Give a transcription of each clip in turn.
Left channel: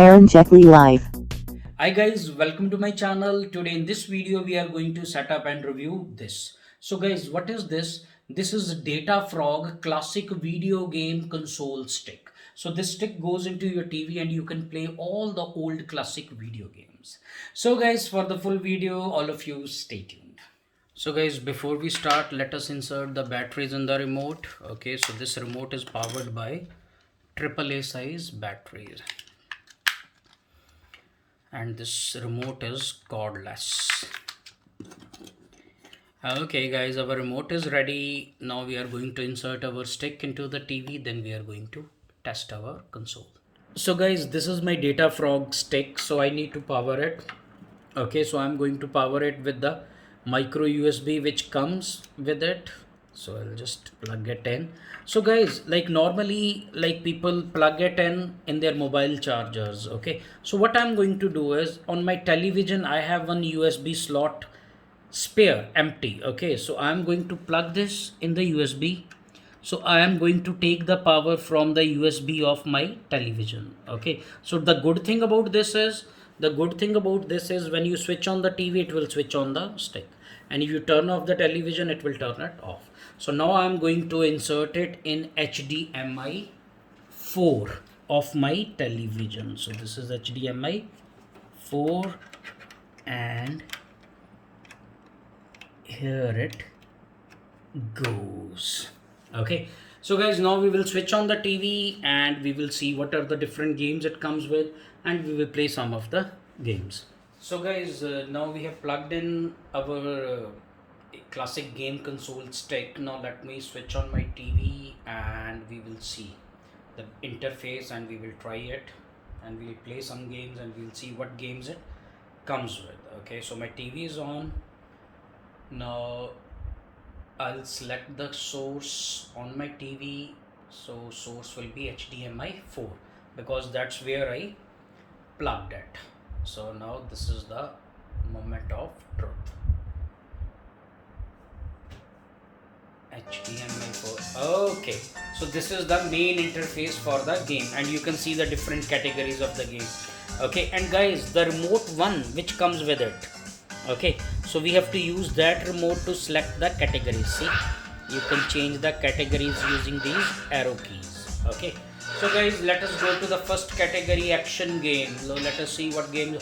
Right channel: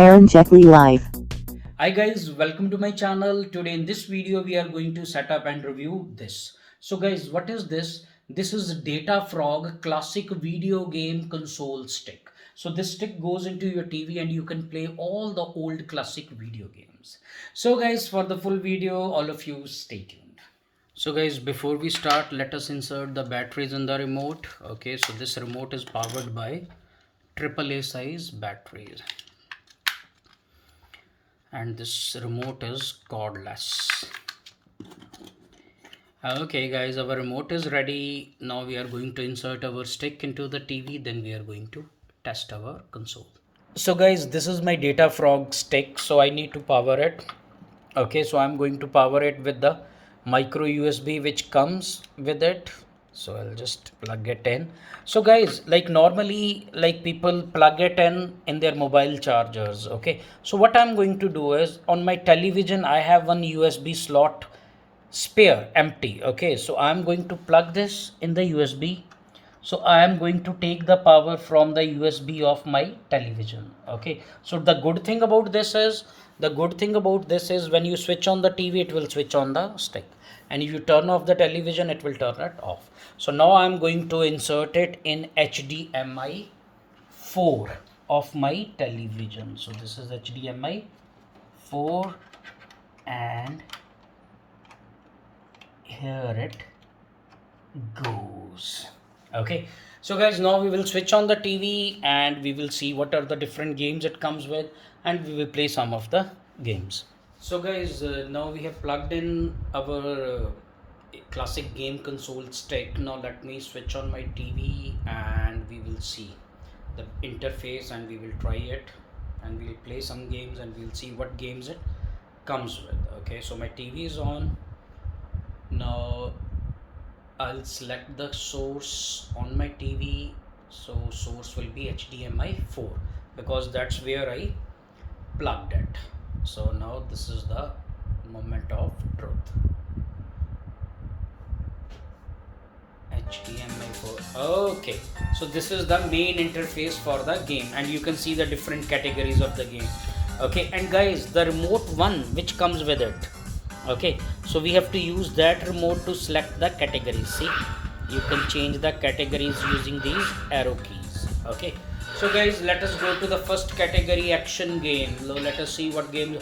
Karen Jeckley Live. Hi guys, welcome to my channel. Today in this video we are going to set up and review this. So guys, what is this? This is Data Frog classic video game console stick. So this stick goes into your TV and you can play all the old classic video games. So guys, for the full video, all of you stay tuned. So guys, before we start, let us insert the batteries in the remote. Okay, so this remote is powered by AAA size batteries, and this remote is cordless. Okay guys, our remote is ready. Now we are going to insert our stick into the TV, then we are going to test our console. So guys, this is my Data Frog stick, so I need to power it. Okay, so I'm going to power it with the micro USB which comes with it. So I'll just plug it in. So guys, like normally, like people plug it in their mobile chargers. Okay, so what I'm going to do is, on my television I have one USB slot spare empty. Okay, so I'm going to plug this in the USB. So I am going to take the power from the USB of my television. Okay, so the good thing about this is when you switch on the TV, it will switch on the stick, and if you turn off the television, it will turn it off. So now I'm going to insert it in HDMI 4 of my television. So this is HDMI 4, and here it goes. Okay, so guys, now we will switch on the TV and we will see what are the different games it comes with, and we will play some of the games. So guys, now we have plugged in our classic game console stick. Now let me switch on my TV and we will see the interface, and we will try it, and we'll play some games and we'll see what games it comes with. Okay, so my TV is on. Now I'll select the source on my TV. So source will be HDMI 4 because that's where I plugged it. So now this is the moment of truth. HDMI 4. Okay, so this is the main interface for the game, and you can see the different categories of the game. Okay, and guys, the remote one which comes with it. Okay, so we have to use that remote to select the categories. See, you can change the categories using these arrow keys. Okay, so guys, let us go to the first category, action game. Let us see what game.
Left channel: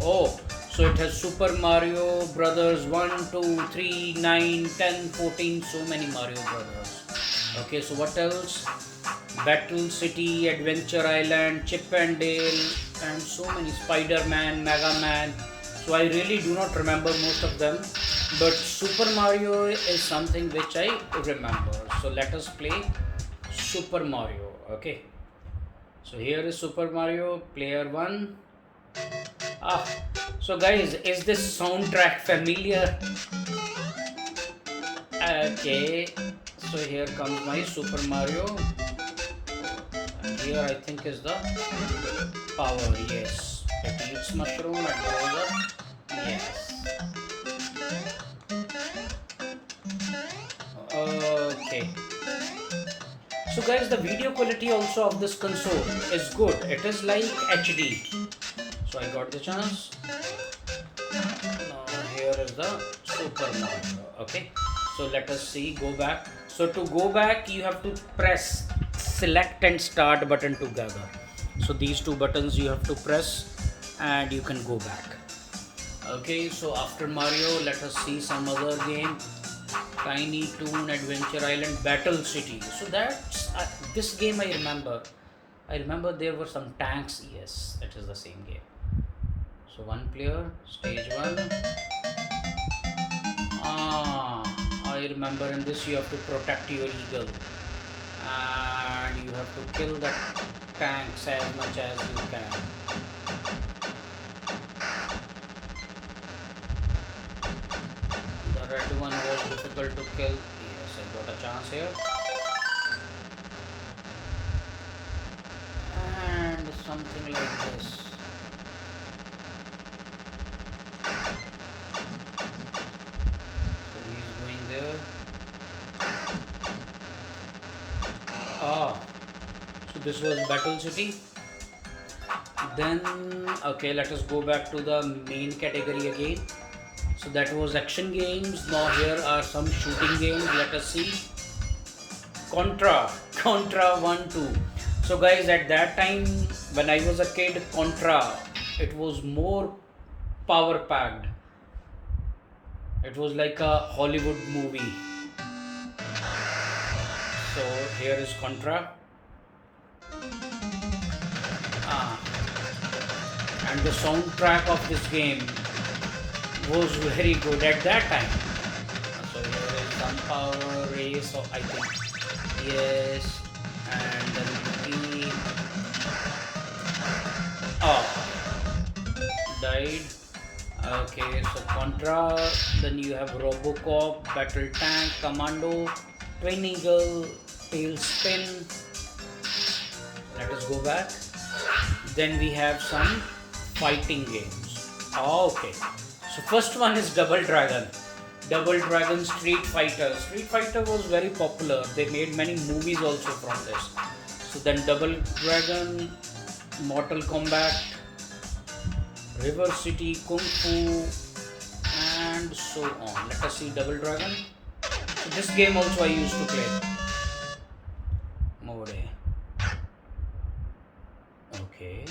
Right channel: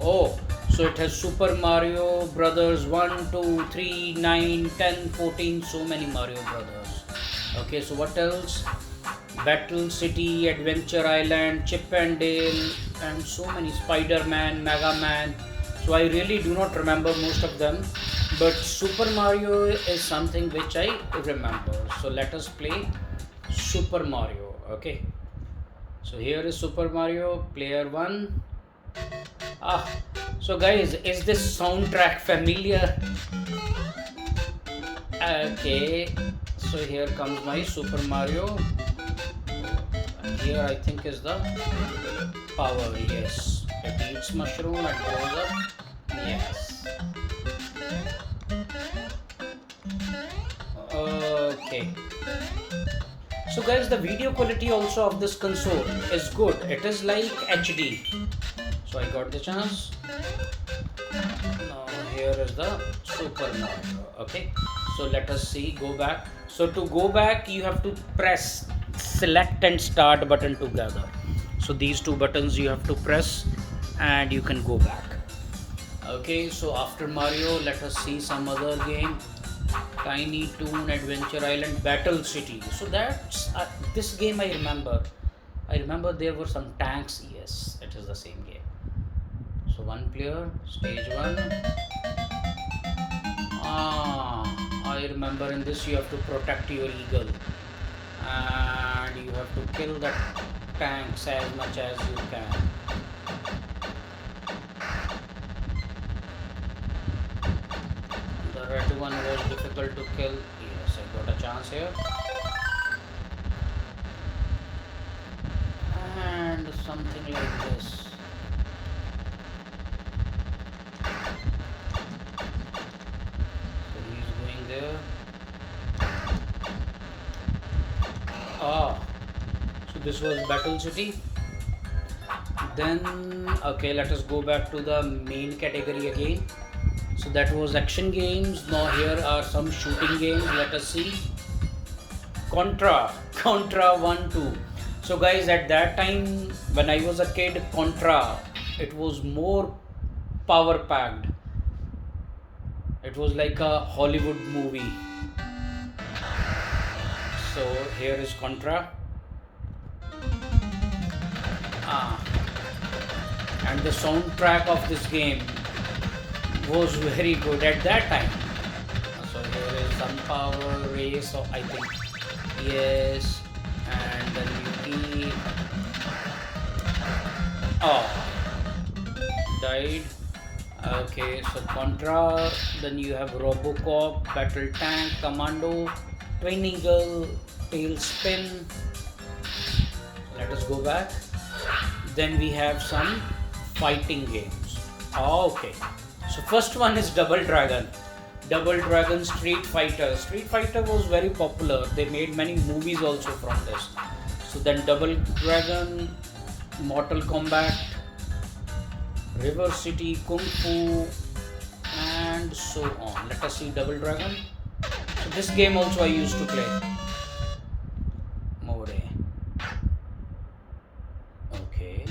Oh, so it has Super Mario Brothers 1, 2, 3, 9, 10, 14, so many Mario Brothers. Okay, so what else? Battle City, Adventure Island, Chip and Dale, and so many, Spider-Man, Mega Man. So I really do not remember most of them, but Super Mario is something which I remember. So let us play Super Mario. Okay, so here is Super Mario, player 1. Ah, so guys, is this soundtrack familiar? Okay, so here comes my Super Mario, and here I think is the power. Yes, it eats mushroom and goes up. Yes. Okay. So guys, the video quality also of this console is good. It is like HD. So I got the chance. Now here is the Super Mario. Okay. So let us see. Go back. So to go back, you have to press select and start button together. So these two buttons you have to press, and you can go back. Okay. So after Mario, let us see some other game. Tiny Toon Adventure Island Battle City. So that's this game I remember. I remember there were some tanks. Yes, it is the same game. So one player, stage one. Ah, I remember in this you have to protect your eagle, and you have to kill the tanks as much as you can. The red one was difficult to kill. Yes, I got a chance here. And something like this. So he's going there. Ah, so this was Battle City. Then okay, let us go back to the main category again. So that was action games. Now here are some shooting games. Let us see. Contra 1 2. So guys, at that time when I was a kid, Contra, it was more power packed. It was like a Hollywood movie. So here is Contra. And the soundtrack of this game was very good at that time. So here is some power race, so I think yes, and then died. Okay, so Contra, then you have Robocop, Battle Tank, Commando, Twin Eagle, Tailspin. Let us go back. Then we have some fighting games. Okay, so first one is Double Dragon. Double Dragon Street Fighter. Street Fighter was very popular. They made many movies also from this. So then Double Dragon, Mortal Kombat, River City, Kung Fu, and so on. Let us see Double Dragon. So this game also I used to play. More. Okay.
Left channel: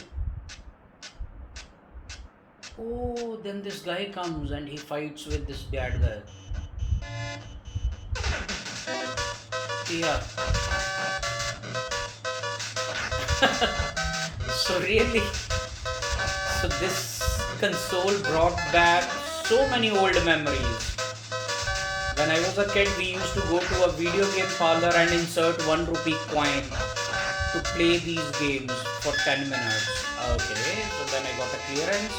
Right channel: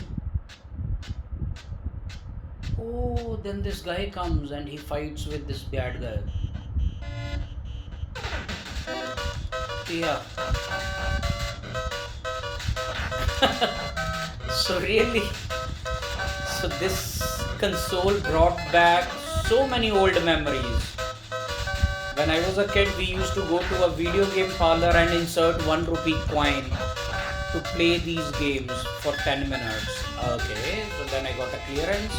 Oh, then this guy comes and he fights with this bad guy. Yeah. So really, so this console brought back so many old memories. When I was a kid, we used to go to a video game parlor and insert 1 rupee coin to play these games for 10 minutes. Okay, so then I got a clearance.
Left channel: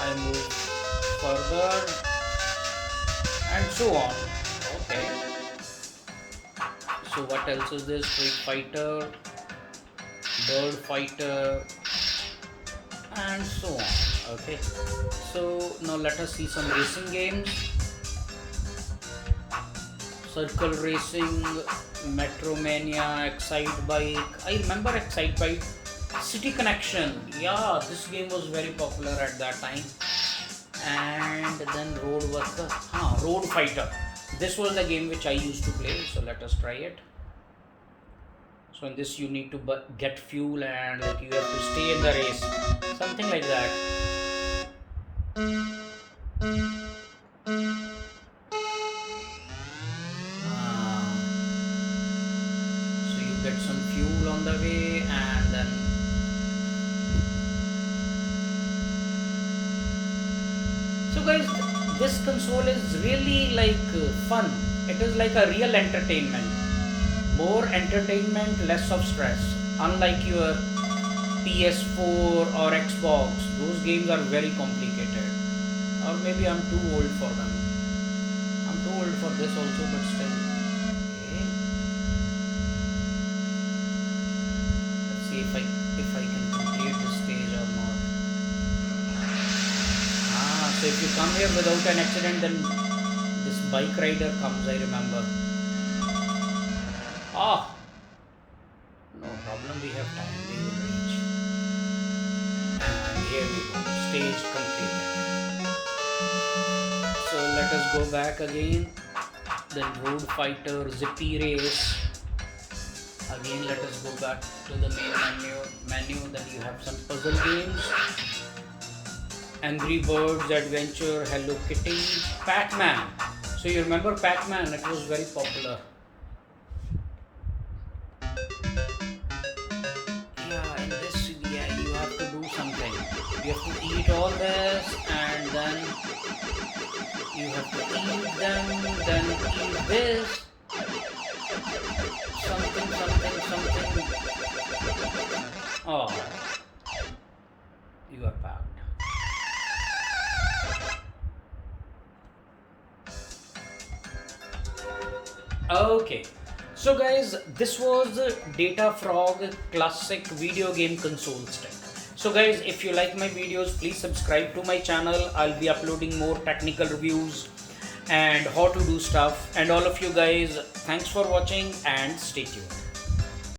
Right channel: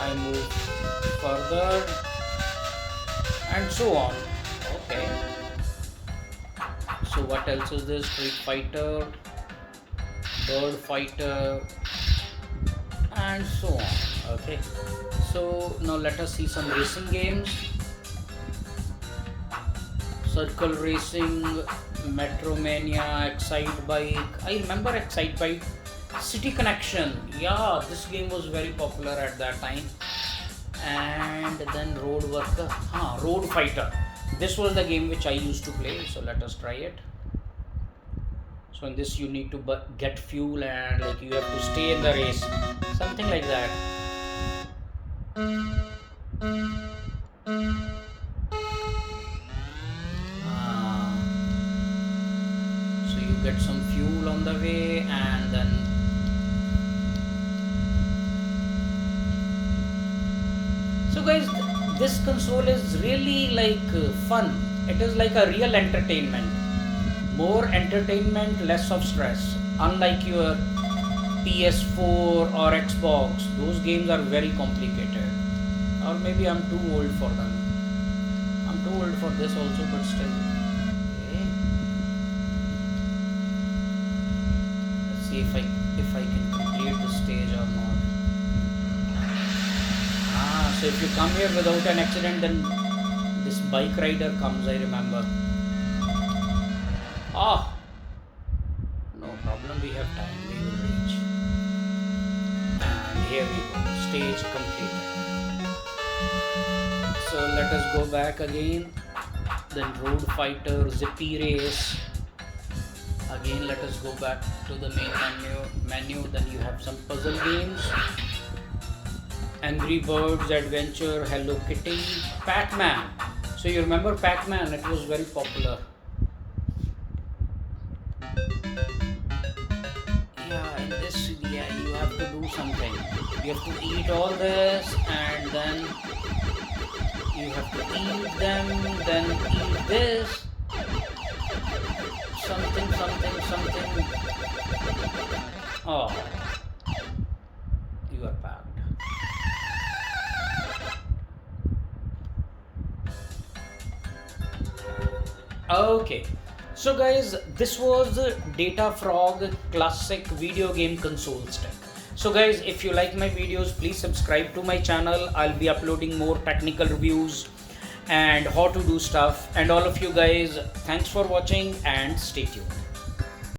I moved further and so on. Okay. So what else is this? Street Fighter, Bird Fighter, and so on. Okay. So now let us see some racing games. Circle Racing, Metromania, Excite Bike. I remember Excite Bike. City Connection. Yeah, this game was very popular at that time. And then Road Worker. Road Fighter. This was the game which I used to play. So let us try it. So in this you need to get fuel and like you have to stay in the race. Something like that. So you get some fuel on the way and then so guys, this console is really like fun. It is like a real entertainment. More entertainment, less of stress. Unlike your PS4 or Xbox, those games are very complicated. Or maybe I'm too old for them. I'm too old for this also, but still. Okay. Let's see if I can complete the stage or not. So if you come here without an accident, then this bike rider comes, I remember. No problem, we have time, we will reach. And here we go, stage completed. So let us go back again. Then Road Fighter, Zippy Race. Again let us go back to the main menu. Then you have some puzzle games. Angry Birds Adventure, Hello Kitty, Pac-Man. So you remember Pac-Man, it was very popular. Yeah, in this you have to do something. You have to eat all this and then you have to eat them, then eat this. Something. Oh, you are packed. Okay, so guys, this was Data Frog classic video game console step. So guys, if you like my videos, please subscribe to my channel. I'll be uploading more technical reviews and how to do stuff. And all of you guys, thanks for watching and stay tuned.